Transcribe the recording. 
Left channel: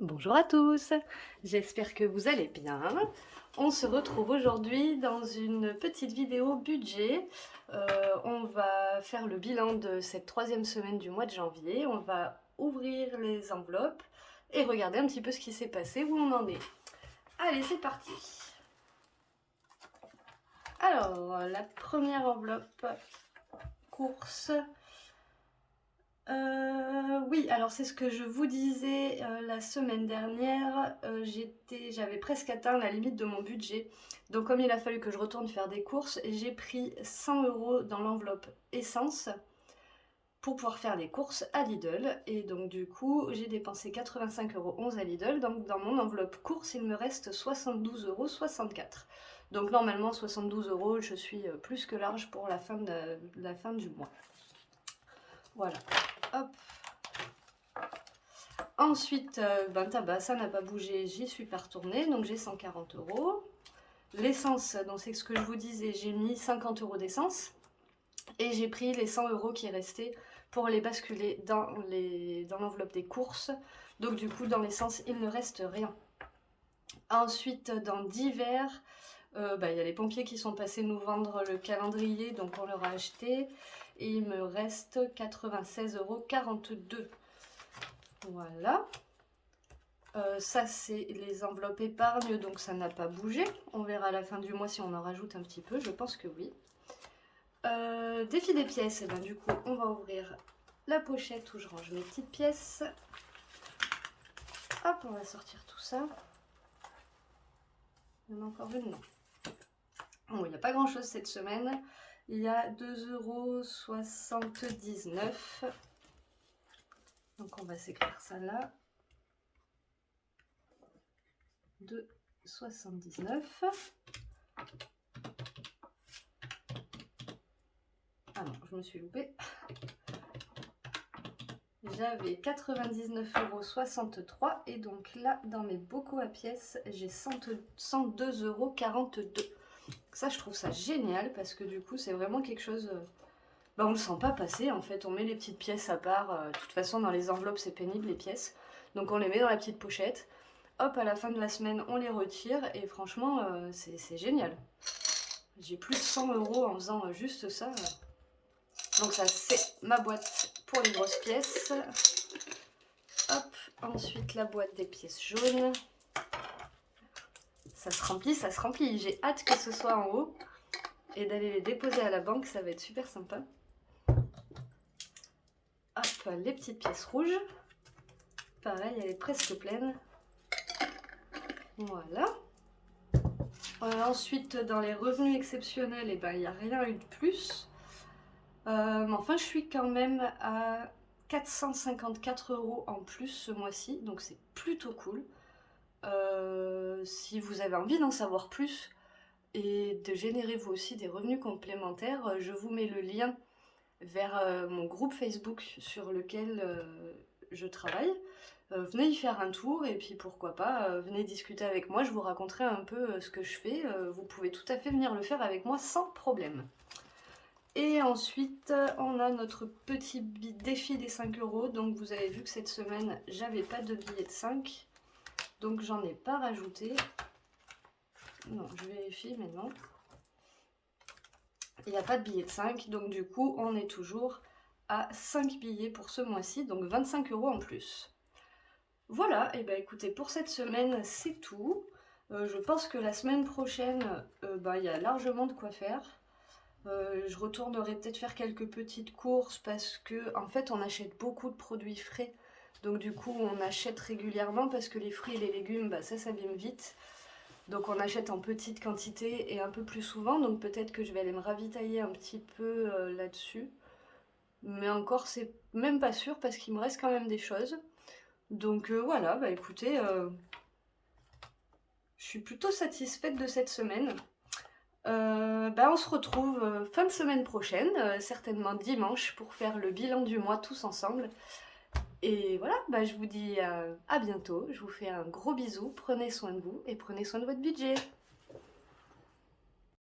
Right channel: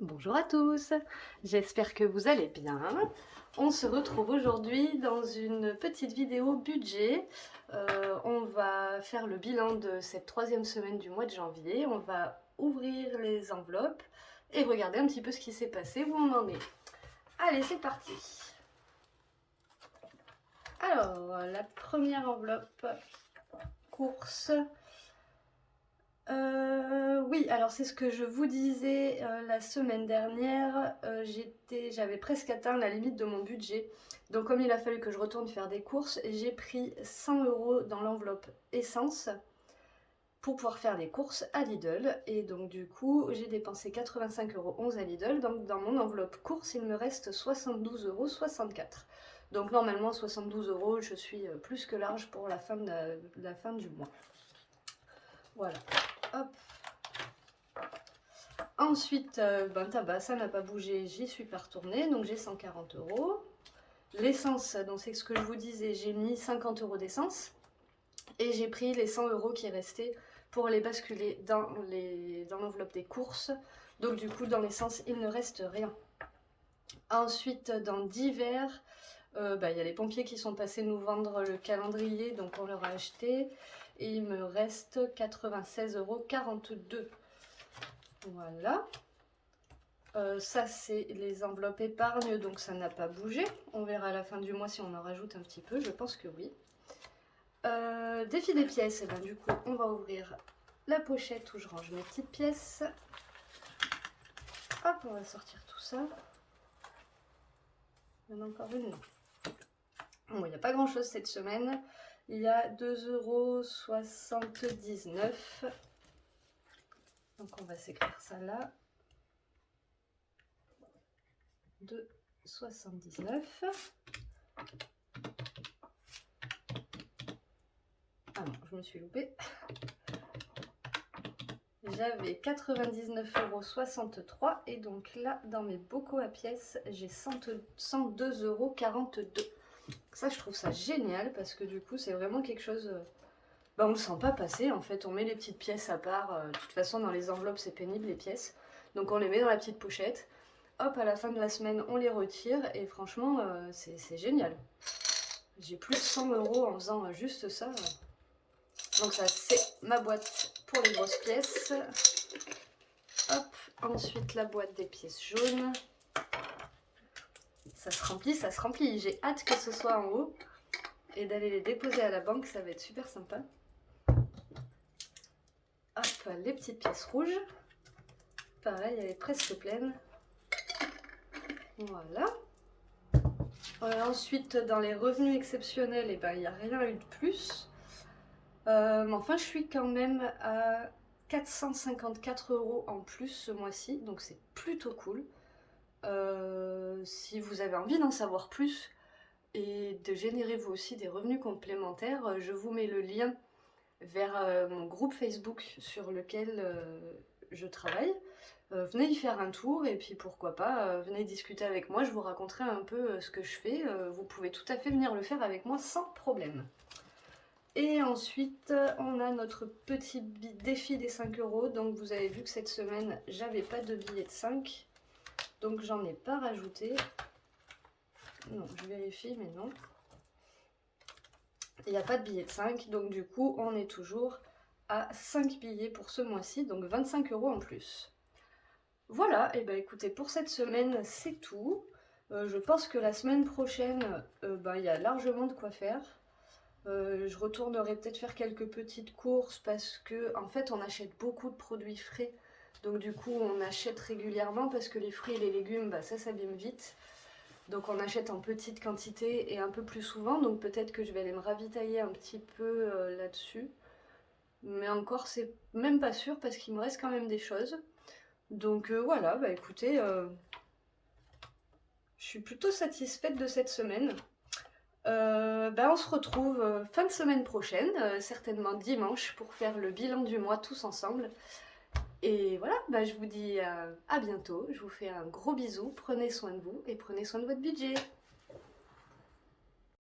Bonjour à tous, j'espère que vous allez bien. On se retrouve aujourd'hui dans une petite vidéo budget. On va faire le bilan de cette troisième semaine du mois de janvier. On va ouvrir les enveloppes et regarder un petit peu ce qui s'est passé, où on en est. Allez, c'est parti. Alors, la première enveloppe, course. Oui, alors c'est ce que je vous disais la semaine dernière, j'avais presque atteint la limite de mon budget. Donc comme il a fallu que je retourne faire des courses, j'ai pris 100 € dans l'enveloppe essence pour pouvoir faire des courses à Lidl. Et donc du coup, j'ai dépensé 85,11 € à Lidl. Donc dans mon enveloppe course, il me reste 72,64 €. Donc normalement 72 €, je suis plus que large pour la fin du mois. Voilà, hop. Ensuite, tabac, ça n'a pas bougé, j'y suis pas retournée, donc j'ai 140 €. L'essence, donc c'est ce que je vous disais, j'ai mis 50 € d'essence et j'ai pris les 100 € qui restaient pour les basculer dans l'enveloppe des courses. Donc du coup, dans l'essence, il ne reste rien. Ensuite, dans divers, il y a les pompiers qui sont passés nous vendre le calendrier, donc on leur a acheté. Et il me reste 96,42 €. Voilà. Ça, c'est les enveloppes épargne, donc ça n'a pas bougé. On verra à la fin du mois si on en rajoute un petit peu, je pense que oui. Défi des pièces, et ben, du coup, on va ouvrir la pochette où je range mes petites pièces. Hop, on va sortir tout ça. Il y en a encore une là. Bon, il n'y a pas grand chose cette semaine. Il y a 2,79 €. Donc on va s'écrire ça là. 2,79 €. Ah non, je me suis loupée. J'avais 99,63 € et donc là, dans mes bocaux à pièces, j'ai 102,42 €. Ça, je trouve ça génial parce que du coup, c'est vraiment quelque chose... on le sent pas passer en fait. On met les petites pièces à part. De toute façon, dans les enveloppes, c'est pénible les pièces. Donc on les met dans la petite pochette. Hop, à la fin de la semaine, on les retire et franchement, c'est génial. J'ai plus de 100 € en faisant juste ça. Donc ça, c'est ma boîte pour les grosses pièces. Hop, ensuite la boîte des pièces jaunes. Ça se remplit, ça se remplit. J'ai hâte que ce soit en haut et d'aller les déposer à la banque, ça va être super sympa. Hop, les petites pièces rouges. Pareil, elle est presque pleine. Voilà. Ensuite, dans les revenus exceptionnels, il n'y a rien eu de plus. Mais enfin, je suis quand même à 454 € en plus ce mois-ci, donc c'est plutôt cool. Si vous avez envie d'en savoir plus et de générer vous aussi des revenus complémentaires, je vous mets le lien vers mon groupe Facebook sur lequel je travaille. Venez y faire un tour et puis pourquoi pas, venez discuter avec moi, je vous raconterai un peu ce que je fais. Vous pouvez tout à fait venir le faire avec moi sans problème. Et ensuite, on a notre petit défi des 5 €. Donc vous avez vu que cette semaine, j'avais pas de billets de 5. Donc j'en ai pas rajouté. Non, je vérifie, mais non. Il n'y a pas de billets de 5. Donc du coup, on est toujours à 5 billets pour ce mois-ci. Donc 25 € en plus. Voilà, et écoutez, pour cette semaine, c'est tout. Je pense que la semaine prochaine, il y a largement de quoi faire. Je retournerai peut-être faire quelques petites courses parce que en fait on achète beaucoup de produits frais. Donc du coup on achète régulièrement parce que les fruits et les légumes, ça s'abîme vite. Donc on achète en petite quantité et un peu plus souvent. Donc peut-être que je vais aller me ravitailler un petit peu là-dessus. Mais encore c'est même pas sûr parce qu'il me reste quand même des choses. Donc voilà, écoutez, je suis plutôt satisfaite de cette semaine. On se retrouve fin de semaine prochaine, certainement dimanche, pour faire le bilan du mois tous ensemble. Et voilà, je vous dis à bientôt. Je vous fais un gros bisou. Prenez soin de vous et prenez soin de votre budget.